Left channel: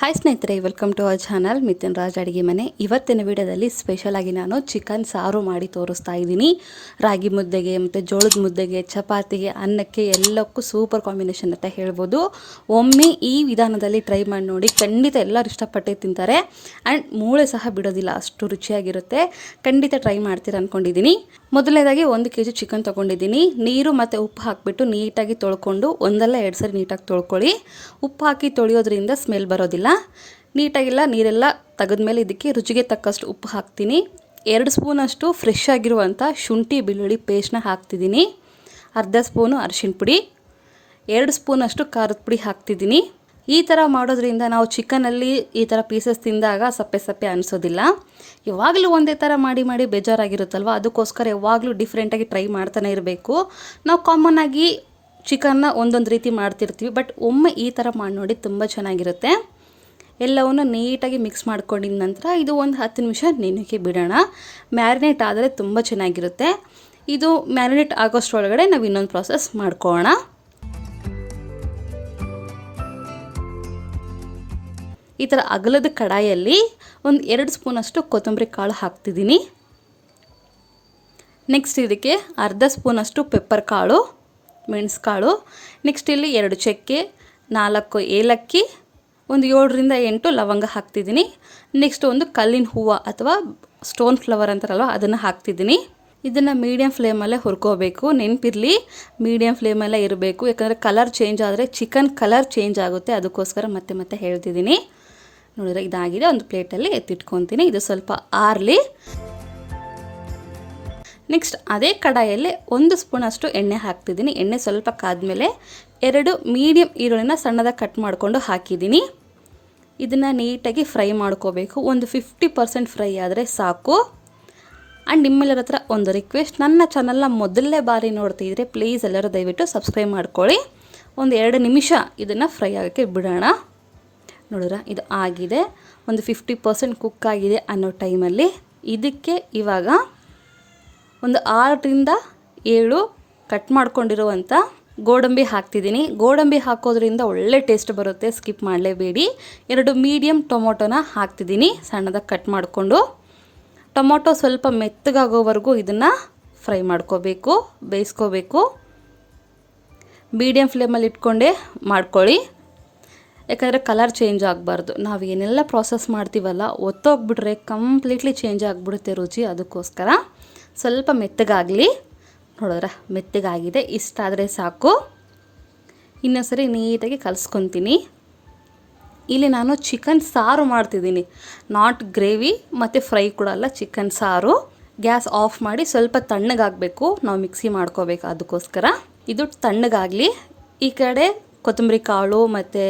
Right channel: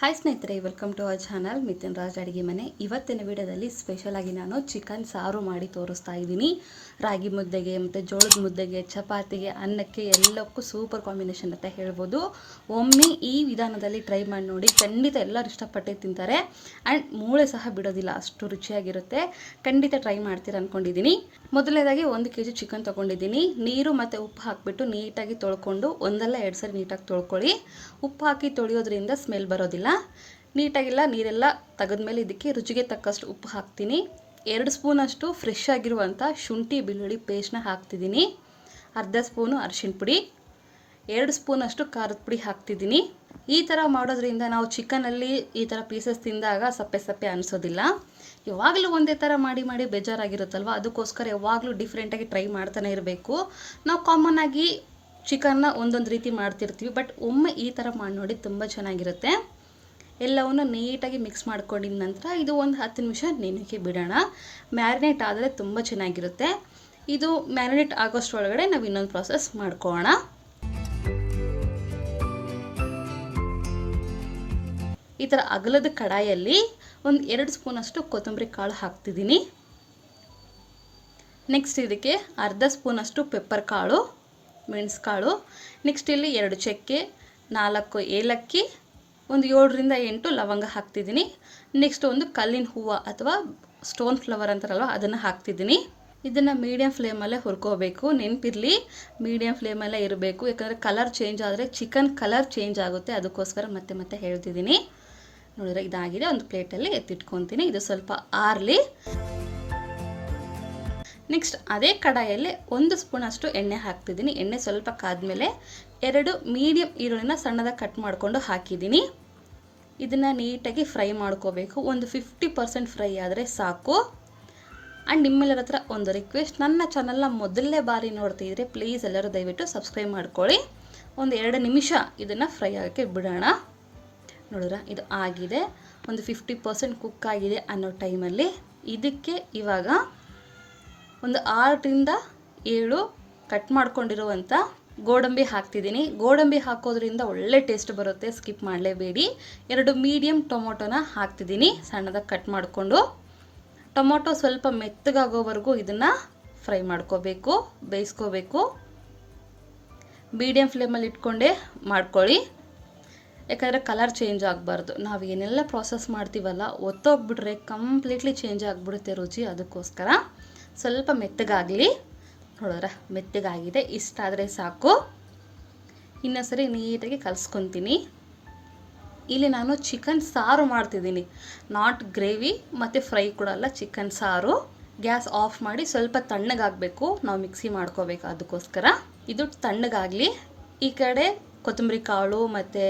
Hi ಸ್ನೇಹಿತರೆ, welcome to our channel Mithun Raj ಅಡುಗೆ ಮನೆ. ಇವತ್ತಿನ ವಿಡಿಯೋದಲ್ಲಿ ಸ್ಪೆಷಲಾಗಿ ನಾನು ಚಿಕನ್ ಸಾರು ಮಾಡಿ ತೋರಿಸ್ತಾ ಇದ್ದೀನಿ. ರಾಗಿ ಮುದ್ದೆಗೆ ಮತ್ತು ಜೋಳದ ಮುದ್ದೆಗೆ, ಚಪಾತಿಗೆ, ಅನ್ನಕ್ಕೆ ಎಲ್ಲಕ್ಕೂ ಸೂಪರ್ ಕಾಂಬಿನೇಷನ್ ಅಂತ ಹೇಳ್ಬೋದು. ಒಮ್ಮೆ ಈ ವಿಧಾನದಲ್ಲಿ ಟ್ರೈ ಮಾಡಿ ನೋಡಿ, ಖಂಡಿತ ಎಲ್ಲರೂ ಇಷ್ಟಪಟ್ಟೆ ತಿಂತಾರೆ. ಆ್ಯಂಡ್ ಮೂಳೆ ಸಹ ಬಿಡೋದಿಲ್ಲ, ಅಷ್ಟು ರುಚಿಯಾಗಿರುತ್ತೆ. ಖಂಡಿತ ಟ್ರೈ ಮಾಡ್ತೀರಾ ಅಂದ್ಕೊಂಡಿದ್ದೀನಿ. ಮೊದಲನೇದಾಗಿ 1 kg ಚಿಕನ್ ತೊಗೊಂಡಿದ್ದೀನಿ. ನೀರು ಮತ್ತು ಉಪ್ಪು ಹಾಕಿಬಿಟ್ಟು ನೀಟಾಗಿ ತೊಳ್ಕೊಂಡು 1-2 ಸರಿ ನೀಟಾಗಿ ತೊಳ್ಕೊಳ್ಳಿ. ಉಪ್ಪು ಹಾಕಿ ತೊಳೆಯೋದ್ರಿಂದ ಸ್ಮೆಲ್ ಬರೋದಿಲ್ಲ. ನೀಟಾಗಿಲ್ಲ ನೀರೆಲ್ಲ ತೆಗೆದ್ಮೇಲೆ ಇದಕ್ಕೆ ರುಚಿಗೆ ತಕ್ಕಷ್ಟು ಉಪ್ಪು ಹಾಕ್ತೀನಿ. 2 ಸ್ಪೂನಷ್ಟು ಫ್ರೆಶ್ ಆಗಿರುವಂಥ ಶುಂಠಿ ಬೆಳ್ಳುಳ್ಳಿ ಪೇಸ್ಟ್ನ ಹಾಕ್ತಿದ್ದೀನಿ. ಅರ್ಧ ಸ್ಪೂನು ಅರಿಶಿಣ ಪುಡಿ, 2 ಸ್ಪೂನಷ್ಟು ಖಾರದ ಪುಡಿ ಹಾಕ್ತಿದ್ದೀನಿ. ಈ ಥರ ಮಾಡೋದ್ರಿಂದ ನಾವು ಚಿಕನಲ್ಲಿ ಈ ಥರ ಪೀಸಸ್ ತಿಂದಾಗ ಸಪ್ಪೆ ಸಪ್ಪೆ ಅನಿಸೋದಿಲ್ಲ. ಯಾವಾಗಲೂ ಒಂದೇ ಥರ ಮಾಡಿ ಮಾಡಿ ಬೇಜಾರಾಗಿರುತ್ತಲ್ವ, ಅದಕ್ಕೋಸ್ಕರ ಯಾವಾಗಲೂ ಡಿಫ್ರೆಂಟಾಗಿ ಟ್ರೈ ಮಾಡ್ತಾನೆ ಇರಬೇಕು. ನಾವು ಕಾಮನ್ನಾಗಿ ಚಿಕನ್ನ ಒಂದೊಂದು ರೀತಿ ಮಾಡ್ತಿರ್ತೀವಿ, ಬಟ್ ಒಮ್ಮೆ ಈ ಥರ ಮಾಡಿ ನೋಡಿ, ತುಂಬ ಚೆನ್ನಾಗಿರುತ್ತೆ. ಎಲ್ಲವನ್ನು ನೀಟಾಗಿ ಮಿಕ್ಸ್ ಮಾಡ್ಕೊಂಡಿದ ನಂತರ ಇದು ಒಂದು 10 ನಿಮಿಷ ನೆನೆಯೋಕ್ಕೆ ಬಿಡೋಣ. ಮ್ಯಾರಿನೇಟ್ ಆದರೆ ತುಂಬ ಚೆನ್ನಾಗಿರುತ್ತೆ. ಇದು ಮ್ಯಾರಿನೇಟ್ ಆಗೋಷ್ಟರೊಳಗಡೆ ನಾವು ಇನ್ನೊಂದು ಪ್ರಾಸೆಸ್ ಮಾಡ್ಕೊಳ್ಳೋಣ. ಈ ಥರ ಅಗಲದ ಕಡಾಯಲ್ಲಿ ಒಂದು 2 ಸ್ಪೂನಷ್ಟು ಕೊತ್ತಂಬರಿ ಕಾಳು ಹಾಕ್ತಿದ್ದೀನಿ. ನೆಕ್ಸ್ಟ್ ಇದಕ್ಕೆ ಅರ್ಧ ಸ್ಪೂನಷ್ಟು ಪೆಪ್ಪರ್ ಕಾಳು, ಮೆಣಸು ಕಾಳು, ನೆಕ್ಸ್ಟ್ ಇಲ್ಲಿ 2 ಚಕ್ಕೆ, 4 ಏಲಕ್ಕಿ, ಒಂದು 7-8 ಲವಂಗ ಹಾಕ್ತಿದ್ದೀನಿ. ನೆಕ್ಸ್ಟ್ ಒಂದು ಕಲ್ಲಿನ ಹೂವು ಅಥವಾ ಸ್ಟೋನ್ ಫ್ಲವರ್ ಅಂತಾರಲ್ವ, ಅದನ್ನು ಹಾಕ್ತಿದ್ದೀನಿ. ಇದನ್ನು ಮೀಡಿಯಮ್ ಫ್ಲೇಮಲ್ಲೇ ಹುರ್ಕೋಬೇಕು. ನೆನಪಿರಲಿ, ಮೀಡಿಯಮ್ ಫ್ಲೇಮಲ್ಲೇ ಇರಬೇಕು. ಯಾಕಂದರೆ ಕಲರ್ ಚೇಂಜ್ ಆದರೆ ಚಿಕನ್ ಕಲರ್ ಚೇಂಜ್ ಆಗುತ್ತೆ, ಅದಕ್ಕೋಸ್ಕರ ಮತ್ತೆ ಹೇಳ್ತಿದ್ದೀನಿ. ನೋಡಿದ್ರೆ ಇದಾಗಿದೆ. ಒಂದು ಪ್ಲೇಟಲ್ಲಿ ಎತ್ತಿಟ್ಕೊತೀನಿ. ಇದು ಸ್ವಲ್ಪ ಆರಲಿ. ನೆಕ್ಸ್ಟ್ ಅದೇ ಕಡಾಯಲ್ಲಿ 1 ಸ್ಪೂನಷ್ಟು ಎಣ್ಣೆ ಹಾಕ್ತಿದ್ದೀನಿ. ಎಣ್ಣೆ ಸ್ವಲ್ಪ ಕಾದ್ಮೇಲೆ 2 ಮೀಡಿಯಮ್ ಈರುಳ್ಳಿನ ಸಣ್ಣದಾಗಿ ಕಟ್ ಮಾಡಿಕೊಂಡು ಹಾಕಿದ್ದೀನಿ. ಇದನ್ನು ನೀಟಾಗಿ ಫ್ರೈ ಮಾಡ್ಕೋಬೇಕು. ಒಂದು 50% ಫ್ರೈ ಆದರೆ ಸಾಕು. ಆ್ಯಂಡ್ ನಿಮ್ಮೆಲ್ಲರ ಹತ್ರ ಒಂದು ರಿಕ್ವೆಸ್ಟ್, ನನ್ನ ಚಾನಲ್ನ ಮೊದಲನೇ ಬಾರಿ ನೋಡ್ತಿದ್ರೆ ಪ್ಲೀಸ್ ಎಲ್ಲರೂ ದಯವಿಟ್ಟು ಸಬ್ಸ್ಕ್ರೈಬ್ ಮಾಡ್ಕೊಳ್ಳಿ. ಒಂದು 2 ನಿಮಿಷ ಇದನ್ನು ಫ್ರೈ ಆಗೋಕ್ಕೆ ಬಿಡೋಣ. ನೋಡಿದ್ರೆ ಇದು ಆಗಿದೆ. ಒಂದು 50% ಕುಕ್ ಆಗಿದೆ ಅನ್ನೋ ಟೈಮಲ್ಲಿ ಇದಕ್ಕೆ ಇವಾಗ ಒಂದು 6-7 ಕಟ್ ಮಾಡ್ಕೊಂಡಿರುವಂಥ ಗೋಡಂಬಿ ಹಾಕ್ತಿದ್ದೀನಿ. ಗೋಡಂಬಿ ಹಾಕೋದ್ರಿಂದ ಒಳ್ಳೆ ಟೇಸ್ಟ್ ಬರುತ್ತೆ, ಸ್ಕಿಪ್ ಮಾಡಲೇಬೇಡಿ. 2 ಮೀಡಿಯಮ್ ಟೊಮೊಟೊನ ಹಾಕ್ತಿದ್ದೀನಿ, ಸಣ್ಣದಾಗಿ ಕಟ್ ಮಾಡಿಕೊಂಡು. ಟೊಮೊಟೊ ಸ್ವಲ್ಪ ಮೆತ್ತಗಾಗೋವರೆಗೂ ಇದನ್ನು ಫ್ರೈ ಮಾಡ್ಕೋಬೇಕು, ಬೇಯಿಸ್ಕೋಬೇಕು. ಮೀಡಿಯಮ್ ಫ್ಲೇಮಲ್ಲಿ ಇಟ್ಕೊಂಡೇ ಮಾಡ್ಕೊಳ್ಳಿ, ಯಾಕಂದರೆ ಕಲರ್ ಚೇಂಜ್ ಆಗಬಾರ್ದು. ನಾವು ಏನೆಲ್ಲ ಪ್ರಾಸೆಸ್ ಮಾಡ್ತೀವಲ್ಲ, ಒತ್ತೋಗ್ಬಿಟ್ರೆ ಕಂಪ್ಲೀಟ್ಲಿ ಚೇಂಜ್ ಆಗಿಬಿಡುತ್ತೆ ರುಚಿ. ಅದಕ್ಕೋಸ್ಕರ ಸ್ವಲ್ಪ ಮೆತ್ತಗಾಗಲಿ. ನೋಡಿದ್ರೆ ಮೆತ್ತಗಾಗಿದೆ, ಇಷ್ಟಾದರೆ ಸಾಕು. ಇನ್ನೊಂದು ಸರಿ ನೀಟಾಗಿ ಕಲಿಸ್ಕೊತೀನಿ. ಇಲ್ಲಿ ನಾನು ಚಿಕನ್ ಸಾರು ಮಾಡ್ತಿದ್ದೀನಿ, ನಾಟ್ ಗ್ರೇವಿ ಮತ್ತು ಫ್ರೈ ಕೂಡ ಅಲ್ಲ, ಚಿಕನ್ ಸಾರು. ಗ್ಯಾಸ್ ಆಫ್ ಮಾಡಿ ಸ್ವಲ್ಪ ತಣ್ಣಗಾಗಬೇಕು, ನಾವು ಮಿಕ್ಸಿ ಮಾಡ್ಕೋಬೇಕು. ಅದಕ್ಕೋಸ್ಕರ ಇದು ತಣ್ಣಗಾಗಲಿ. ಈ ಕಡೆ ಕೊತ್ತಂಬರಿ ಕಾಳು ಮತ್ತು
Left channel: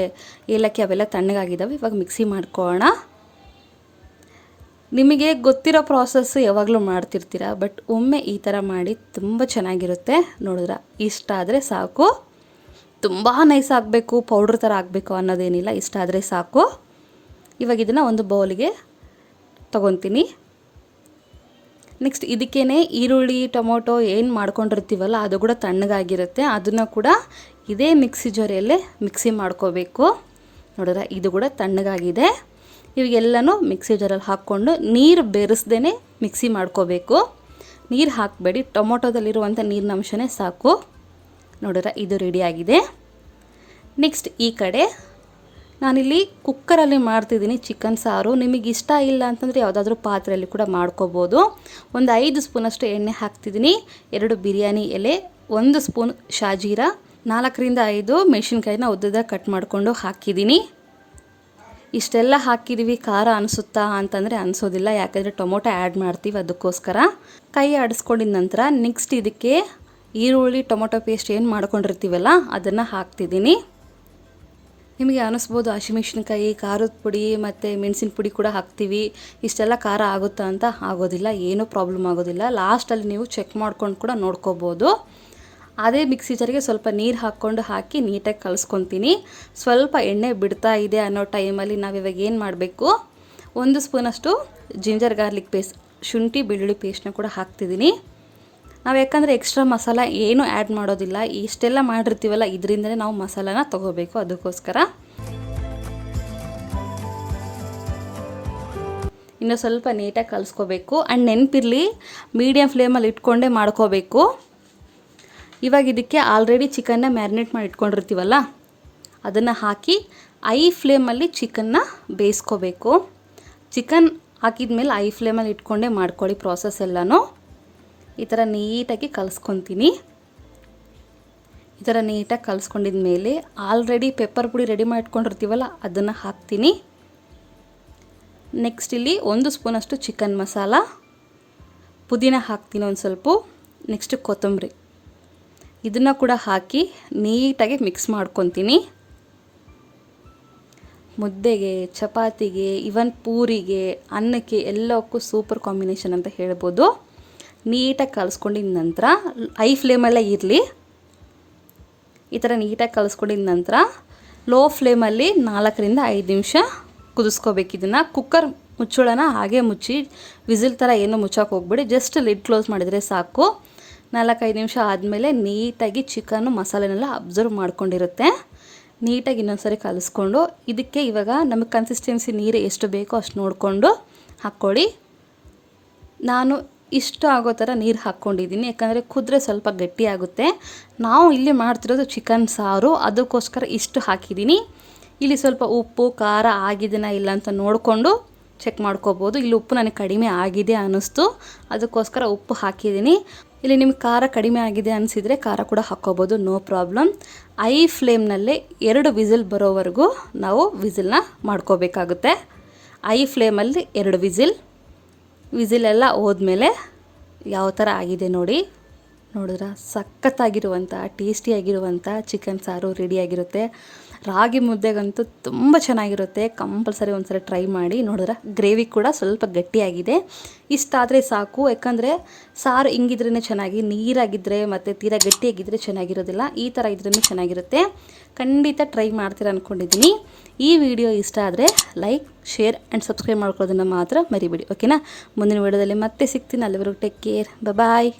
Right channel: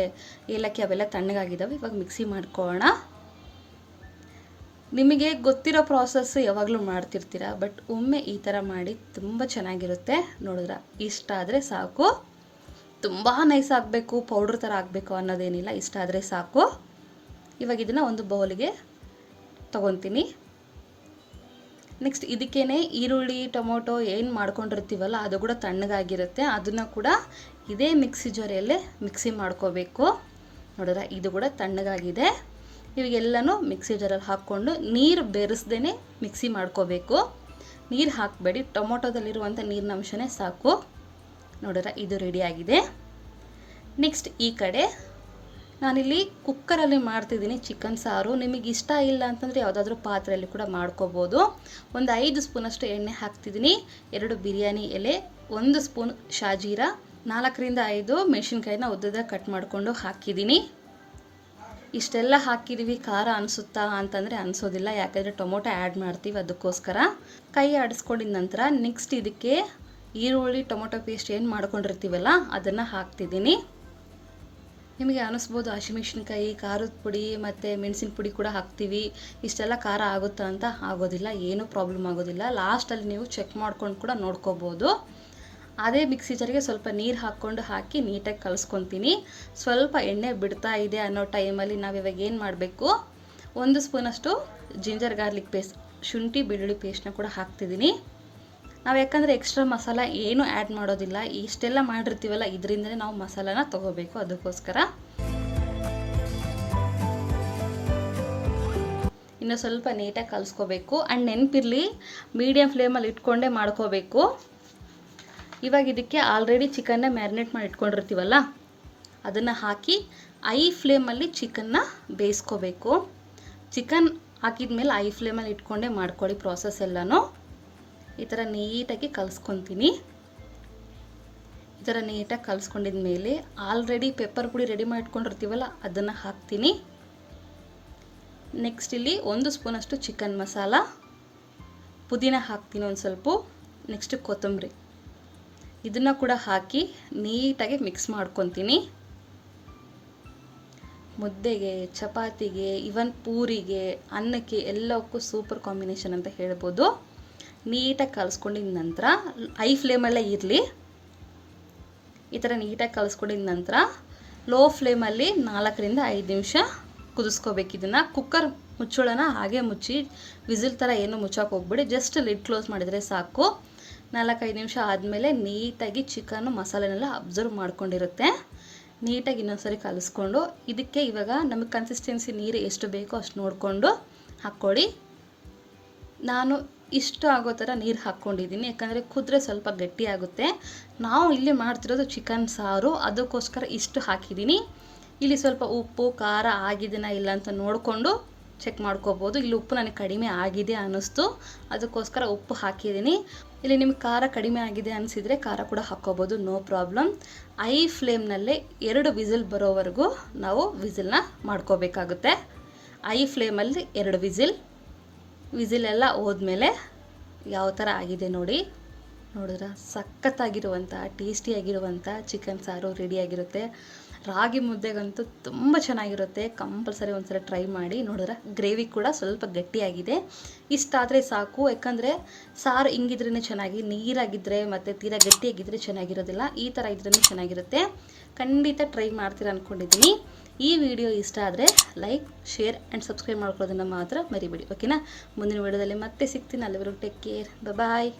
ಏಲಕ್ಕಿ ಅವೆಲ್ಲ ತಣ್ಣಗಾಗಿದ್ದಾವೆ. ಇವಾಗ ಮಿಕ್ಸಿ ಮಾಡ್ಕೊಳ್ಳೋಣ. ನಿಮಗೆ ಗೊತ್ತಿರೋ ಪ್ರಾಸೆಸ್ ಯಾವಾಗಲೂ ಮಾಡ್ತಿರ್ತೀರ, ಬಟ್ ಒಮ್ಮೆ ಈ ಥರ ಮಾಡಿ ತುಂಬ ಚೆನ್ನಾಗಿರುತ್ತೆ. ನೋಡಿದ್ರೆ ಇಷ್ಟ ಆದರೆ ಸಾಕು. ತುಂಬ ನೈಸ್ ಆಗಬೇಕು, ಪೌಡ್ರ್ ಥರ ಆಗಬೇಕು ಅನ್ನೋದೇನಿಲ್ಲ, ಇಷ್ಟ ಆದರೆ ಸಾಕು. ಇವಾಗ ಇದನ್ನು ಒಂದು ಬೌಲಿಗೆ ತೊಗೊತೀನಿ. ನೆಕ್ಸ್ಟ್ ಇದಕ್ಕೇ ಈರುಳ್ಳಿ ಟೊಮೊಟೊ ಏನು ಮಾಡ್ಕೊಂಡಿರ್ತೀವಲ್ಲ, ಅದು ಕೂಡ ತಣ್ಣಗಾಗಿರುತ್ತೆ. ಅದನ್ನು ಕೂಡ ಇದೇ ಮಿಕ್ಸಿ ಜಾರಿಯಲ್ಲೇ ಮಿಕ್ಸಿ ಮಾಡ್ಕೋಬೇಕು. ನೋಡಿದ್ರೆ ಇದು ಕೂಡ ತಣ್ಣಗಾಗಿದೆ. ಇವಾಗೆಲ್ಲನೂ ಮಿಕ್ಸಿ ಜಾರಲ್ಲಿ ಹಾಕ್ಕೊಂಡು ನೀರು ಬೆರೆಸ್ದೇ ಮಿಕ್ಸಿ ಮಾಡ್ಕೋಬೇಕು. ನೀರು ಹಾಕಬೇಡಿ, ಟೊಮೊಟೊದಲ್ಲಿರುವಂಥ ನೀರಿನ ಅಂಶನೇ ಸಾಕು. ನೋಡಿದ್ರೆ ಇದು ರೆಡಿಯಾಗಿದೆ. ನೆಕ್ಸ್ಟ್ ಈ ಕಡೆ ನಾನಿಲ್ಲಿ ಕುಕ್ಕರಲ್ಲಿ ಮಾಡ್ತಿದ್ದೀನಿ ಚಿಕನ್ ಸಾರು. ನಿಮಗೆ ಇಷ್ಟ ಇಲ್ಲ ಅಂತಂದರೆ ಯಾವುದಾದ್ರೂ ಪಾತ್ರೆಯಲ್ಲಿ ಕೂಡ ಮಾಡ್ಕೋಬೋದು. ಒಂದು 5 ಸ್ಪೂನಷ್ಟು ಎಣ್ಣೆ ಹಾಕ್ತಿದ್ದೀನಿ, 2 ಬಿರಿಯಾನಿ ಎಲೆ, 1 ಸ್ಪೂನ್ ಶಾಜೀರ, 4-5 ಮೆಣಸಿನ್ಕಾಯಿನ ಉದ್ದದಾಗಿ ಕಟ್ ಮಾಡಿಕೊಂಡು ಹಾಕಿದ್ದೀನಿ. ಇಷ್ಟೆಲ್ಲ ಹಾಕಿದ್ದೀವಿ, ಖಾರ ಅನಿಸುತ್ತಾ ಅಂತಂದರೆ ಅನಿಸೋದಿಲ್ಲ, ಯಾಕಂದರೆ ಟೊಮೊಟೊ ಆ್ಯಡ್ ಮಾಡ್ತೀವಿ. ಅದಕ್ಕೋಸ್ಕರ ಕೈ ಆಡಿಸ್ಕೊಂಡಿದ ನಂತರ ನೆಕ್ಸ್ಟ್ ಇದಕ್ಕೆ ಈರುಳ್ಳಿ ಟೊಮೊಟೊ ಪೇಸ್ಟ್ ಏನು ಮಾಡ್ಕೊಂಡಿರ್ತೀವಲ್ಲ ಅದನ್ನು ಹಾಕ್ತಿದ್ದೀನಿ. ನಿಮಗೆ ಅನಿಸ್ಬೋದು ಹಸಿಮೆಣ್ಸಿನ್ಕಾಯಿ, ಖಾರದ ಪುಡಿ ಮತ್ತು ಮೆಣಸಿನ ಪುಡಿ ಕೂಡ ಹಾಕ್ತೀವಿ, ಇಷ್ಟೆಲ್ಲ ಖಾರ ಆಗುತ್ತಾ ಅಂತ. ಆಗೋದಿಲ್ಲ, ಏನೂ ಪ್ರಾಬ್ಲಮ್ ಆಗೋದಿಲ್ಲ. ಲಾಸ್ಟಲ್ಲಿ ನೀವು ಚೆಕ್ ಮಾಡ್ಕೊಂಡು ಕೂಡ ನೋಡ್ಕೋಬೋದು. ಅದೇ ಮಿಕ್ಸಿ ಜಾರಿಗೆ ಸ್ವಲ್ಪ ನೀರು ಹಾಕಿ ನೀಟಾಗಿ ಕಲಿಸ್ಕೊತೀನಿ. ಸ್ವಲ್ಪ ಎಣ್ಣೆ ಬಿಡ್ತಾ ಇದೆ ಅನ್ನೋ ಟೈಮಲ್ಲಿ ನಾವಿವಾಗ ಏನು ಮಾಡಬೇಕು, 1 ಸ್ಪೂನಷ್ಟು ಜಿಂಜರ್ ಗಾರ್ಲಿಕ್ ಪೇಸ್ಟ್, ಶುಂಠಿ ಬೆಳ್ಳುಳ್ಳಿ ಪೇಸ್ಟ್ನ ಕೂಡ ಹಾಕ್ತಿದ್ದೀನಿ. ನಾವು ಯಾಕಂದರೆ ಎಕ್ಸ್ಟ್ರಾ ಮಸಾಲ ಏನೂ ಆ್ಯಡ್ ಮಾಡೋದಿಲ್ಲ, ಇಷ್ಟೆಲ್ಲ ಮಾಡಿರ್ತೀವಲ್ಲ ಇದರಿಂದಲೇ ನಾವು ಮಸಾಲಾನ ತೊಗೋಬೇಕು. ಅದಕ್ಕೋಸ್ಕರ ಇನ್ನು ಸ್ವಲ್ಪ ನೀಟಾಗಿ ಕಲಿಸ್ಕೋಬೇಕು. ಆ್ಯಂಡ್ ನೆನಪಿರಲಿ, ಮೀಡಿಯಮ್ ಫ್ಲೇಮಲ್ಲಿ ಇಟ್ಕೊಂಡೇ ಮಾಡ್ಕೋಬೇಕು. ಇವಾಗ ಇದಕ್ಕೆ ಆಲ್ರೆಡಿ ಚಿಕನ್ನ ಮ್ಯಾರಿನೇಟ್ ಮಾಡಿ ಇಟ್ಕೊಂಡಿರ್ತೀವಲ್ಲ, ಅದನ್ನು ಹಾಕಿ ಐ ಫ್ಲೇಮಲ್ಲಿ ಚಿಕನ್ನ ಬೇಯಿಸ್ಕೋಬೇಕು. ಚಿಕನ್ ಹಾಕಿದ ಮೇಲೆ ಐ ಫ್ಲೇಮಲ್ಲಿ ಇಟ್ಕೊಂಡೇ ಮಾಡ್ಕೊಳ್ಳಿ ಪ್ರಾಸೆಸ್ ಎಲ್ಲನೂ. ಈ ಥರ ನೀಟಾಗಿ ಕಲಿಸ್ಕೊತೀನಿ. ಈ ಥರ ನೀಟಾಗಿ ಕಲಿಸ್ಕೊಂಡಿದ ಮೇಲೆ ಆಲ್ರೆಡಿ ಪೆಪ್ಪರ್ ಪುಡಿ ರೆಡಿ ಮಾಡಿ ಇಟ್ಕೊಂಡಿರ್ತೀವಲ್ಲ, ಅದನ್ನು ಹಾಕ್ತೀನಿ. ನೆಕ್ಸ್ಟ್ ಇಲ್ಲಿ 1 ಸ್ಪೂನಷ್ಟು ಚಿಕನ್ ಮಸಾಲ, ಪುದೀನ ಹಾಕ್ತೀನಿ ಒಂದು ಸ್ವಲ್ಪ, ನೆಕ್ಸ್ಟ್ ಕೊತ್ತಂಬರಿ, ಇದನ್ನು ಕೂಡ ಹಾಕಿ ನೀಟಾಗಿ ಮಿಕ್ಸ್ ಮಾಡ್ಕೊತೀನಿ. ಮುದ್ದೆಗೆ, ಚಪಾತಿಗೆ, ಇವನ್ ಪೂರಿಗೆ, ಅನ್ನಕ್ಕೆ ಎಲ್ಲಕ್ಕೂ ಸೂಪರ್ ಕಾಂಬಿನೇಷನ್ ಅಂತ ಹೇಳ್ಬೋದು. ನೀಟಾಗಿ ಕಲಿಸ್ಕೊಂಡಿದ ನಂತರ ಐ ಫ್ಲೇಮಲ್ಲೇ ಇರಲಿ. ಈ ಥರ ನೀಟಾಗಿ ಕಲಿಸ್ಕೊಂಡಿದ ನಂತರ ಲೋ ಫ್ಲೇಮಲ್ಲಿ 4ರಿಂದ 5 ನಿಮಿಷ ಕುದಿಸ್ಕೋಬೇಕು. ಇದನ್ನು ಕುಕ್ಕರ್ ಮುಚ್ಚೋಳನ ಹಾಗೆ ಮುಚ್ಚಿ, ವಿಸಿಲ್ ಥರ ಏನು ಮುಚ್ಚೋಕೆ ಹೋಗ್ಬಿಡಿ, ಜಸ್ಟ್ ಲಿಡ್ ಕ್ಲೋಸ್ ಮಾಡಿದರೆ ಸಾಕು. 4-5 ನಿಮಿಷ ಆದಮೇಲೆ ನೀಟಾಗಿ ಚಿಕನ್ನು ಮಸಾಲೆನೆಲ್ಲ ಅಬ್ಸರ್ವ್ ಮಾಡ್ಕೊಂಡಿರುತ್ತೆ. ನೀಟಾಗಿ ಇನ್ನೊಂದ್ಸರಿ ಕಲಿಸ್ಕೊಂಡು ಇದಕ್ಕೆ ಇವಾಗ ನಮಗೆ ಕನ್ಸಿಸ್ಟೆನ್ಸಿ ನೀರು ಎಷ್ಟು ಬೇಕೋ ಅಷ್ಟು ನೋಡಿಕೊಂಡು ಹಾಕ್ಕೊಳ್ಳಿ. ನಾನು ಇಷ್ಟು ಆಗೋ ಥರ ನೀರು ಹಾಕ್ಕೊಂಡಿದ್ದೀನಿ, ಯಾಕಂದರೆ ಕುದ್ರೆ ಸ್ವಲ್ಪ ಗಟ್ಟಿ ಆಗುತ್ತೆ. ನಾವು ಇಲ್ಲಿ ಮಾಡ್ತಿರೋದು ಚಿಕನ್ ಸಾರು, ಅದಕ್ಕೋಸ್ಕರ ಇಷ್ಟು ಹಾಕಿದ್ದೀನಿ. ಇಲ್ಲಿ ಸ್ವಲ್ಪ ಉಪ್ಪು ಖಾರ ಆಗಿದೆಯಾ ಇಲ್ಲ ಅಂತ ನೋಡಿಕೊಂಡು ಚೆಕ್ ಮಾಡ್ಕೋಬೋದು. ಇಲ್ಲಿ ಉಪ್ಪು ನನಗೆ ಕಡಿಮೆ ಆಗಿದೆ ಅನ್ನಿಸ್ತು, ಅದಕ್ಕೋಸ್ಕರ ಉಪ್ಪು ಹಾಕಿದ್ದೀನಿ. ಇಲ್ಲಿ ನಿಮ್ಗೆ ಖಾರ ಕಡಿಮೆ ಆಗಿದೆ ಅನಿಸಿದರೆ ಖಾರ ಕೂಡ ಹಾಕ್ಕೋಬೋದು, ನೋ ಪ್ರಾಬ್ಲಮ್. ಐ ಫ್ಲೇಮ್ನಲ್ಲೇ 2 ವಿಸಿಲ್ ಬರೋವರೆಗೂ ನಾವು ವಿಸಿಲ್ನ ಮಾಡ್ಕೋಬೇಕಾಗುತ್ತೆ. ಐ ಫ್ಲೇಮಲ್ಲಿ 2 ವಿಸಿಲೆಲ್ಲ ಹೋದ್ಮೇಲೆ ಯಾವ ಥರ ಆಗಿದೆ ನೋಡಿದ್ರೆ ಸಖತ್ತಾಗಿರುವಂಥ ಟೇಸ್ಟಿಯಾಗಿರುವಂಥ ಚಿಕನ್ ಸಾರು ರೆಡಿಯಾಗಿರುತ್ತೆ. ರಾಗಿ ಮುದ್ದೆಗಂತೂ ತುಂಬ ಚೆನ್ನಾಗಿರುತ್ತೆ. ಕಂಪಲ್ಸರಿ ಒಂದ್ಸರಿ ಟ್ರೈ ಮಾಡಿ. ನೋಡಿದ್ರೆ ಗ್ರೇವಿ ಕೂಡ ಸ್ವಲ್ಪ ಗಟ್ಟಿಯಾಗಿದೆ. ಇಷ್ಟಾದರೆ ಸಾಕು, ಯಾಕಂದರೆ ಸಾರು ಹಿಂಗಿದ್ರೇ ಚೆನ್ನಾಗಿ, ನೀರಾಗಿದ್ದರೆ ಮತ್ತು ತೀರಾ ಗಟ್ಟಿಯಾಗಿದ್ದರೆ ಚೆನ್ನಾಗಿರೋದಿಲ್ಲ. ಈ ಥರ ಇದ್ರೇ ಚೆನ್ನಾಗಿರುತ್ತೆ. ಖಂಡಿತ ಟ್ರೈ ಮಾಡ್ತೀರ ಅಂದ್ಕೊಂಡಿದ್ದೀನಿ. ಈ ವಿಡಿಯೋ ಇಷ್ಟ ಆದರೆ ಲೈಕ್, ಶೇರ್ ಆ್ಯಂಡ್ ಸಬ್ಸ್ಕ್ರೈಬ್ ಮಾಡ್ಕೊಳ್ಳೋದನ್ನು ಮಾತ್ರ ಮರಿಬೇಡಿ, ಓಕೆನಾ? ಮುಂದಿನ ವಿಡಿಯೋದಲ್ಲಿ ಮತ್ತೆ ಸಿಗ್ತೀನಿ. ಅಲ್ಲಿವರೆಗೂ ಟೇಕ್ ಕೇರ್, ಬಾಯ್.